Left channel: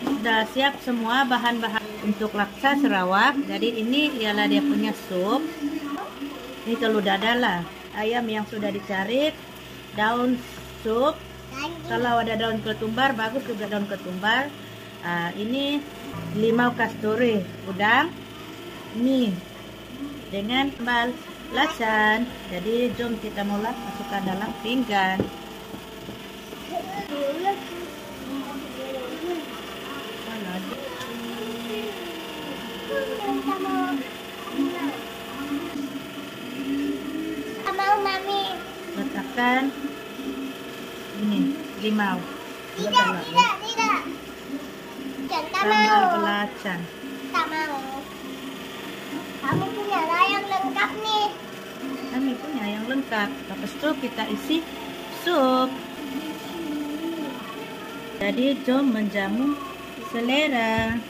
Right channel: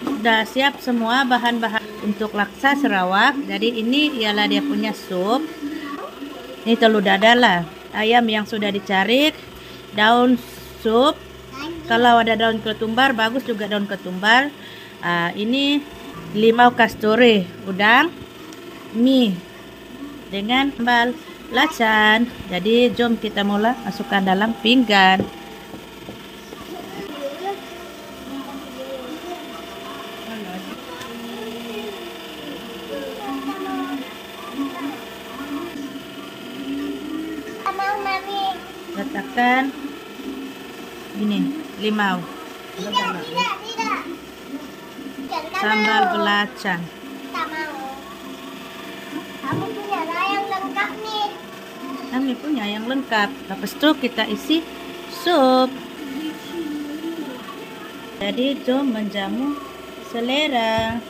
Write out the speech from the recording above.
Sudah siap semua bahan-bahan untuk laksa Sarawak. Jadi ini ialah dia punya sup. Ini telur dadar, ayam yang sudah dicarik, daun sup. Kalau ada daun ketumbar bagus juga daun ketumbar. Ini limau kasturi, udang, mie dengan sambal lacan. Jadi jom kita mulai masukkan dalam pinggan. Letakkan ini limau, sambal belacan. Kamu punya yang lengkap nih. Kami punya yang lengkap. Lepas itu kita isi sup. Jadi jom menjamu selera.